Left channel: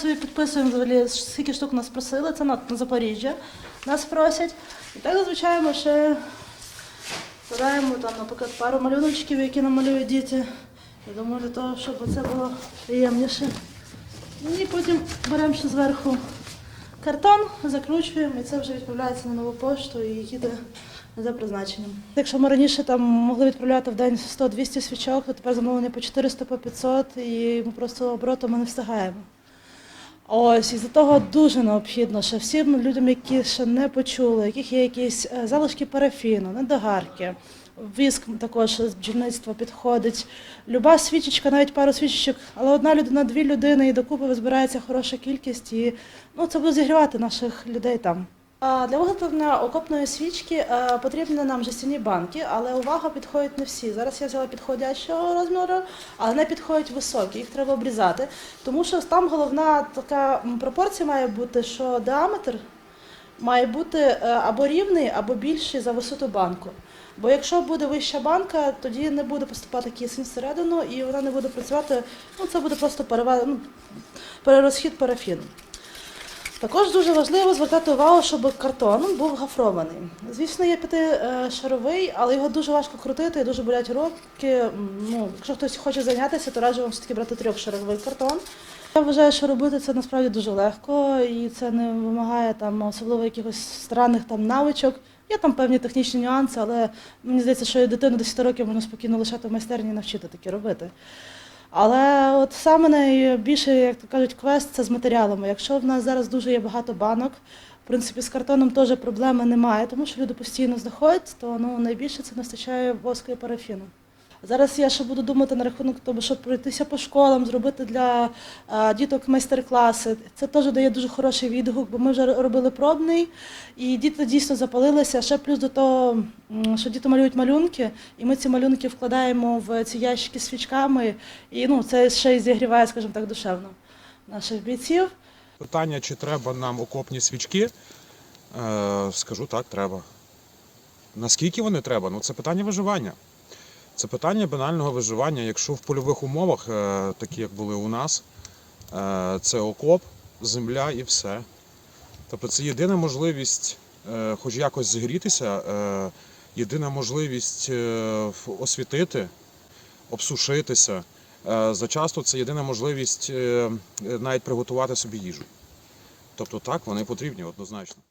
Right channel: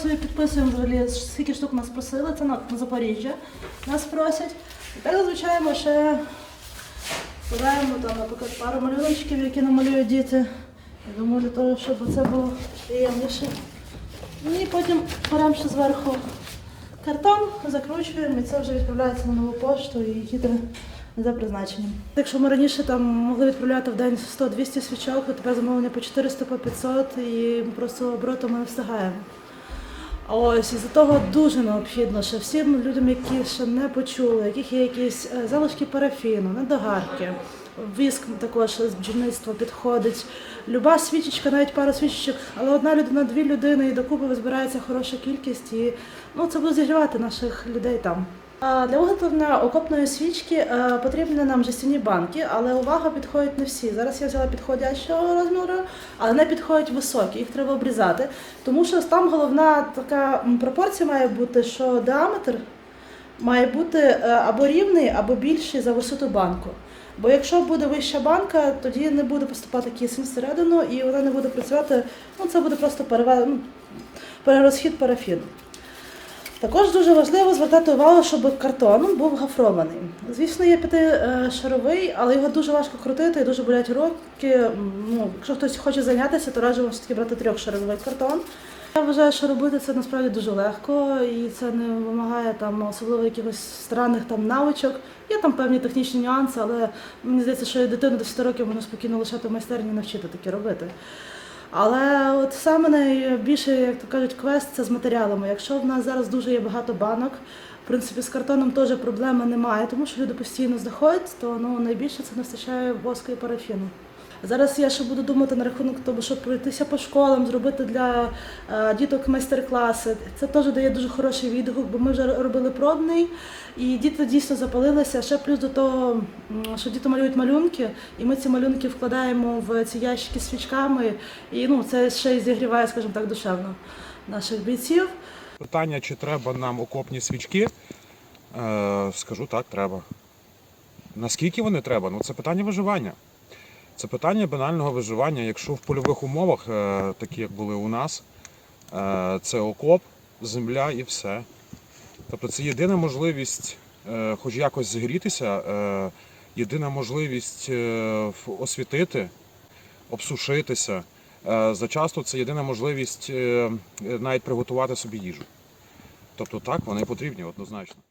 собі підписуємо взагалі, скільки штук нас просили, це на, на Запоріжжя нас просять. І так, звичайно, ще складаємо там, наприклад, пару малюночків, які намалюють діти. Я думаю, для того, щоб це було приємніше. Ну І потім беремо ще зверху картон, закручуємо, і це вже відправляється на нову пошту і їде за призначенням. Якщо ми раніше там могли відправляти в день 100-200 свічок, то тепер замовлення по 400 по 500 і просто оборотом ми не встигаємо. Ось із-за того дуже необхідно, що всім людям, які ще не почули, яких є якісь е, залишки парафіну, недогарки, віск також з бджільництва підходить. Люба свічечка, навіть пару свічечок, але одна людина, дві людини, і докупи збирається хороша кількість, і ну, це буде зігрівати наших людей там. Для виготовлення окопної свічки е, потрібні нам жестяні банки, але увага підходять не всі. Зараз я взяла підходящого розміру, але не підходять високі, їх треба обрізати. Тому що там головна така пропорція має бути, що діаметр має бути е, або рівний, або більший за висоту банку. Бо якщо буде вища банка, тоді не буде поступати кисень всередину і вона не буде працювати. Ну це буде просто ну, перерозхід парафіну. Також дуже важливо звертати увагу, щоб картон був гафрований. Звісно, є п'ятишаровий, але його дуже важко крутити дуже болять руки. Ну, якщо хтось хоче зайнятися, то раджу вам все-таки брати трьохшаровий картон. Я вважаю, що робити це насправді дуже легко і це не вимагає там особливо якихось странних там навичок. Є там певні технічні нюанси, але мені здається, що і дитину до 10 років можна спокійно лишати майстерні навчити таке робити. Але от саме найбільше, як то кажуть, квест це з матеріалами. Якщо в нас зараз дуже є багато банок, в принципі, з картоном теж проблеми немає, тому що люди постійно знаходять, то ну, найбільше це не вистачає воску і парафіну. Зараз я ще буду думати на рахунок того, щоб пройтися по школам, зробити для е, діток майстер-класи. Це теж дає дуже хороший відгук, бо ми вже робили пробний, і діти дійсно запалилися. Ще плюс до того, що діти малюють малюнки, і ми ці малюнки вкладаємо в ці ящики з свічками, і ну, це ще й зігріває, скажімо так, душевно наших бійців. Питання, чи треба нам окопні свічки, е, скажу так, треба. Наскільки вони треба? Ну це питання виживання. Це питання банального виживання. Якщо в польових умовах, е, такі як були у нас, е, це окоп, земля і все. Тобто це єдина можливість е, хоч якось зігрітися, єдина можливість освітити, обсушитися. Зачасто це єдина можливість навіть приготувати собі їжу. Тобто так, вони потрібні однозначно.